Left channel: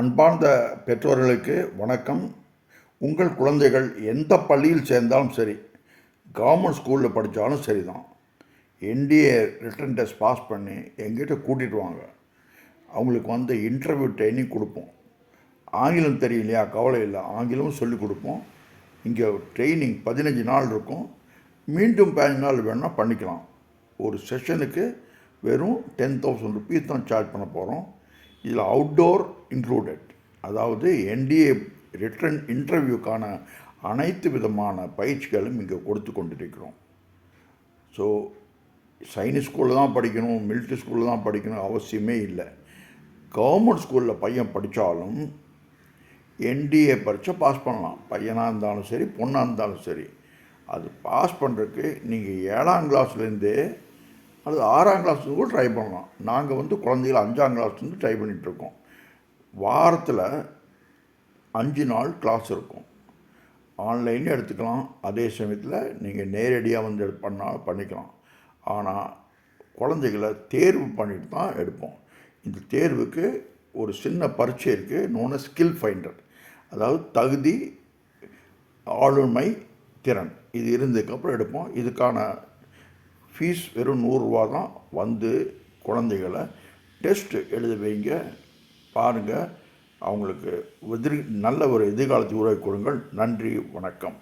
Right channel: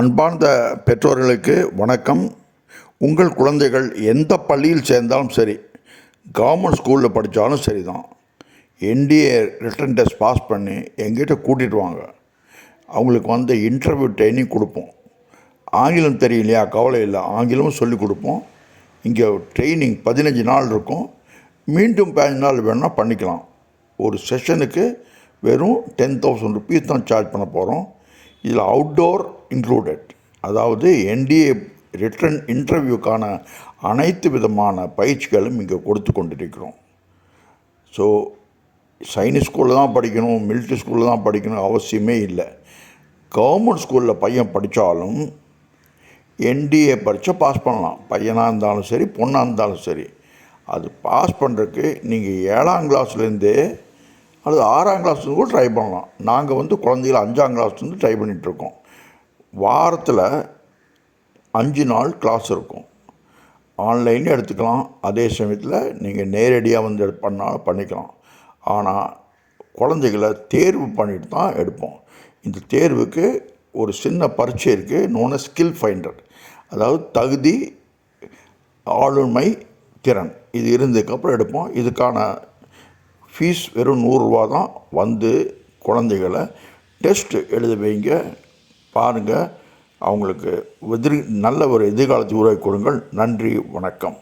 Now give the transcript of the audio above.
அன்பார்ந்த பெற்றோர்களுக்கு வணக்கம். உங்கள் குழந்தைகள் எந்த பள்ளியில் சேர்ந்தாலும் சரி, கவர்மெண்ட் ஸ்கூலில் படித்தாலும் சரி தான், என்டிஏ ரிட்டன் டெஸ்ட் பாஸ் பண்ணி எங்கிட்ட கூட்டிகிட்டு வாங்க. அவங்களுக்கு இன்டர்வியூ ட்ரைனிங் கொடுப்போம். ஆங்கிலம் தெரியலையா, கவலை இல்லை, ஆங்கிலமும் சொல்லிக் கொடுப்போம். இங்கே ட்ரைனிங் 15 நாள் இருக்கும். மீண்டும் 15 நாள் வேணும்னா பண்ணிக்கலாம். ஒரு செஷனுக்கு வெறும் 10,000 rupees தான் சார்ஜ் பண்ண போகிறோம். இதில் அவுட்டோர் இன்க்ளூடட், அதாவது என்டிஏ ரிட்டன் இன்டர்வியூக்கான அனைத்து விதமான பயிற்சிகளும் இங்கே கொடுத்து கொண்டிருக்கிறோம். ஸோ சைனிக் ஸ்கூலில் தான் படிக்கணும், மிலிட்ரி ஸ்கூலில் தான் படிக்கணும் அவசியமே இல்லை. கவர்மெண்ட் ஸ்கூலில் பையன் படித்தாலும் என்டிஏ பரீட்சை பாஸ் பண்ணலாம். பையனாக இருந்தாலும் சரி, பொண்ணாக இருந்தாலும் சரி. அது பாஸ் பண்ணுறதுக்கு நீங்கள் 7ஆம் கிளாஸ்லேருந்தே அல்லது 6ஆம் கிளாஸ்லேருந்து கூட ட்ரை பண்ணலாம். நாங்கள் குழந்தைகள் 5ஆம் கிளாஸ்லேருந்து ட்ரை பண்ணிகிட்ருக்கோம். வாரத்தில் 5 நாள் கிளாஸ் இருக்கும். ஆன்லைன்லேயும் எடுத்துக்கலாம். அதே சமயத்தில் நீங்கள் நேரடியாக பண்ணாலும் பண்ணிக்கலாம். ஆனால் குழந்தைகளை தேர்வு பண்ணிட்டு தான் எடுப்போம். இந்த தேர்வுக்கு ஒரு சின்ன பரீட்சை இருக்குது, நோன ஸ்கில் ஃபைண்டர். அதாவது தகுதி, ஆளுமை, திறன், இது இருந்ததுக்கப்புறம் எடுப்போம். இதுக்கான ஃபீஸ் வெறும் 100 ரூபா தான். குழந்தைகளை டெஸ்ட் எழுத வைங்க. பாருங்கள், அவங்களுக்கு நல்ல ஒரு எதிர்காலத்தை உருவாக்கி கொடுங்கள். நன்றி, வணக்கம்.